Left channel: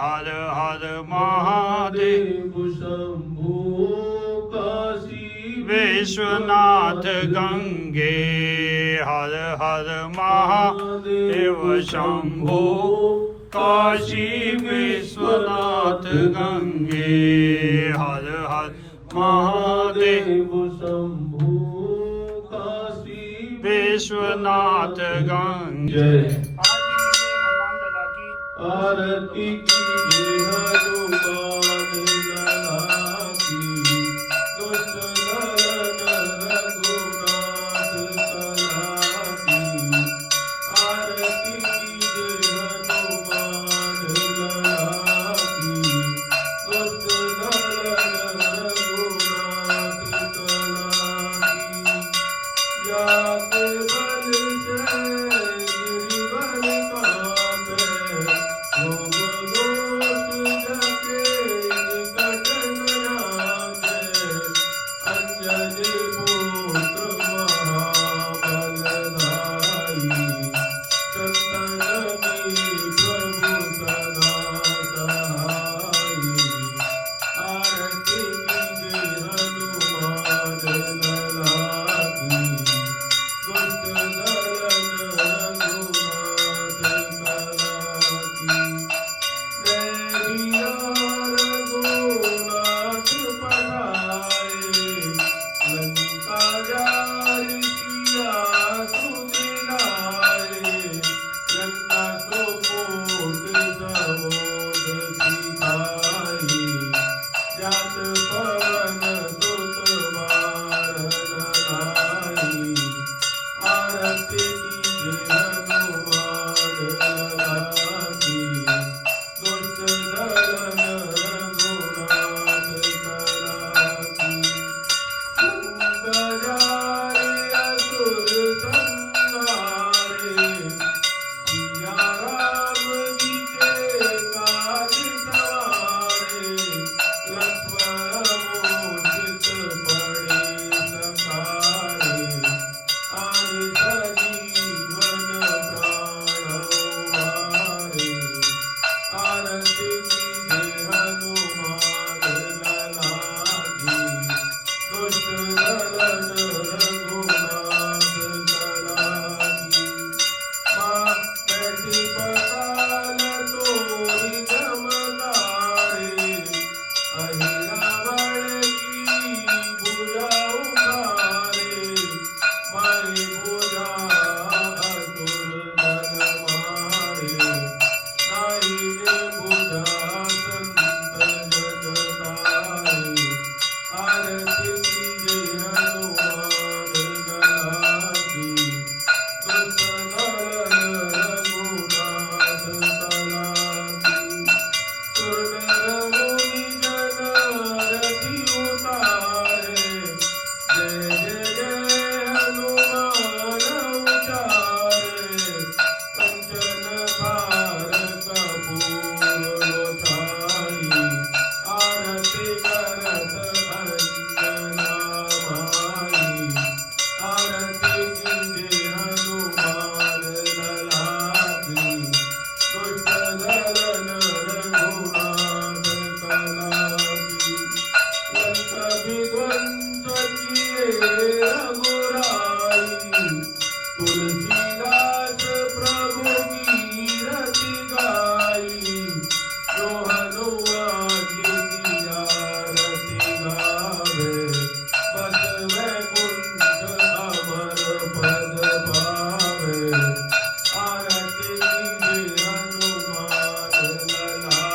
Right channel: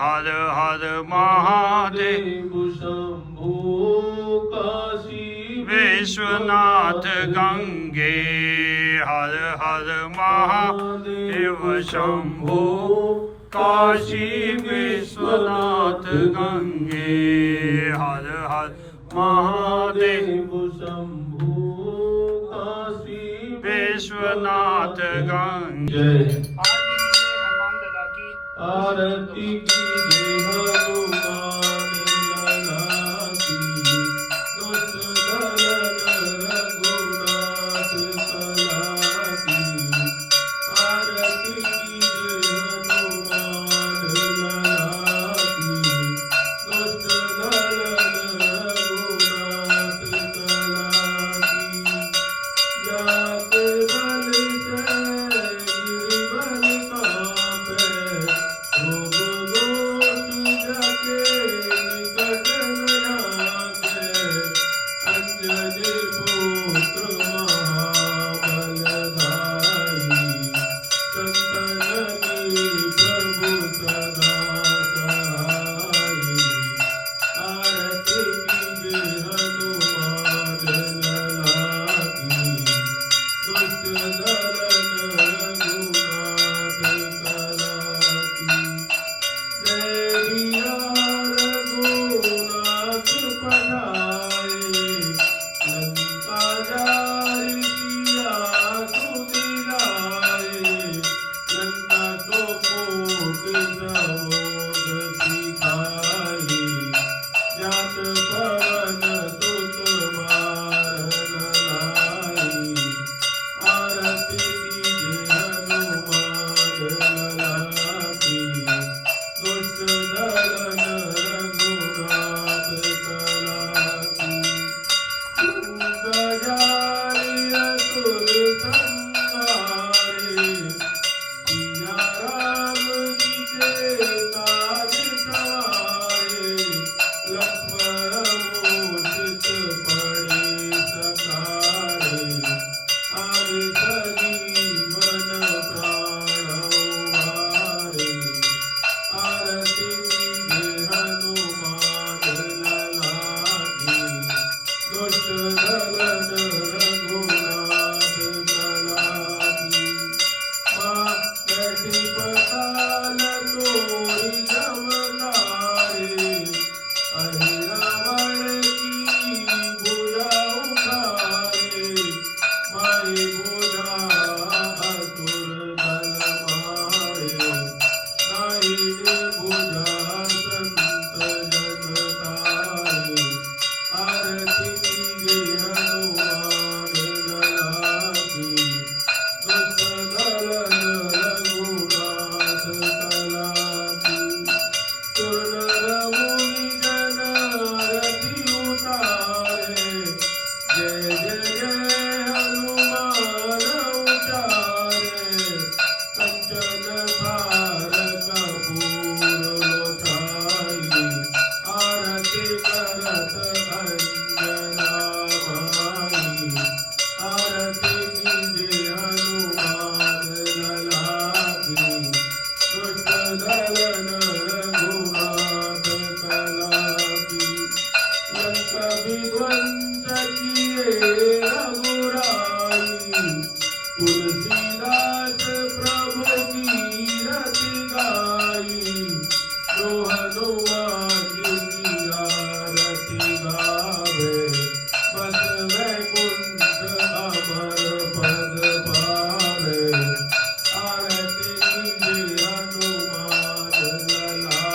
हर हर महादेव शंभो काशी विश्वनाथ गंगे हर हर महादेव शंभो काशी विश्वनाथ गंगे हर हर महादेव शंभो काशी विश्वनाथ गंगे जय हनुमान दादा की आरती की जय हनुमान लाला की दुष्ट दलन रघुनाथ कला की आरती की जय हनुमान लाला की दुष्ट दलन रघुनाथ कला की जात बल जय गिरिवन कापे रोग दोष जाके निकट न जाके अंजनी पुत्र महाबलधारी संतनकी प्रभु सदा सहाई आरती कीजे हनुमान लला की दुष्ट दलन रघुनाथ कला की देविया रघुनाथ पढ़ाए लंका जारी किया सुदिलाए लंका को कोट सहोद सिखाई जात पवन सुत वारन लाई आरती कीजे हनुमान लला की दुष्ट दलन रघुनाथ कला की गजारि असुर संहारे सिया राम जी के काज सवारे लक्ष्मण मूषिक पड़े सखारे आदि सजीवन प्राण वारे आरती कीजे हनुमान लला की दुष्ट दलन रघुनाथ कला की माँ कैसी पताल तोरी जमदारे अहिरावण की भुजा उखारे माई भुजा असुर दल मारे नाई रे भुजा संत जन तारे आरती कीजे हनुमान लला की दुष्ट दलन रघुनाथ कला की सुरनर मुनि जन रति उतारे जय जय जय हनुमान उचारे कंचन थार कपूर लोचाई आरती करत अंजना माई आरती कीजे हनुमान लला की दुष्ट दलन रघुनाथ कला की लंक विध्वंस किए रघुराई तुलसीदास प्रभु की रति गाई जो हनुमान जी की आरती गावे बस वैकुंठ अमर पद पावे आरती कीजे हनुमान लला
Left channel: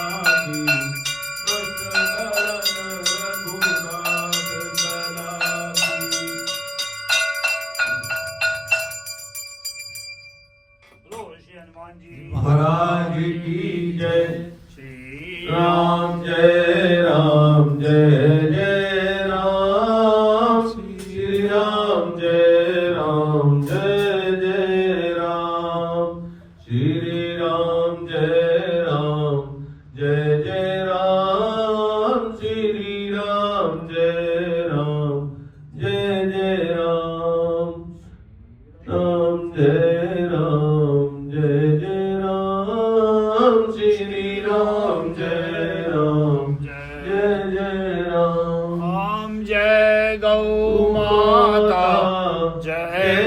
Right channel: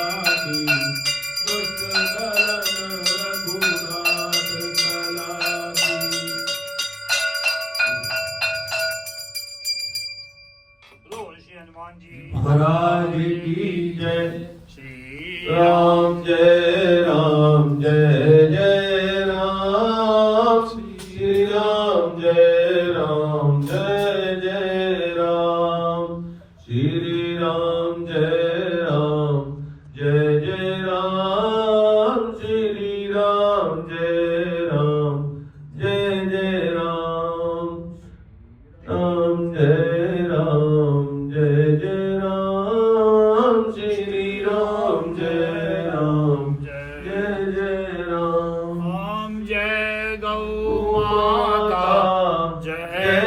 की दुष्ट दलन रघुनाथ कला की बोलो श्री हनुमान जी महाराज की जय श्री राम जय राम जय जय राम श्री राम जय राम जय जय राम श्री राम जय राम जय जय राम श्री राम जय राम जय जय राम राम जय राम जय जय राम श्री राम जय राम जय जय राम ओम जय गौ माता जय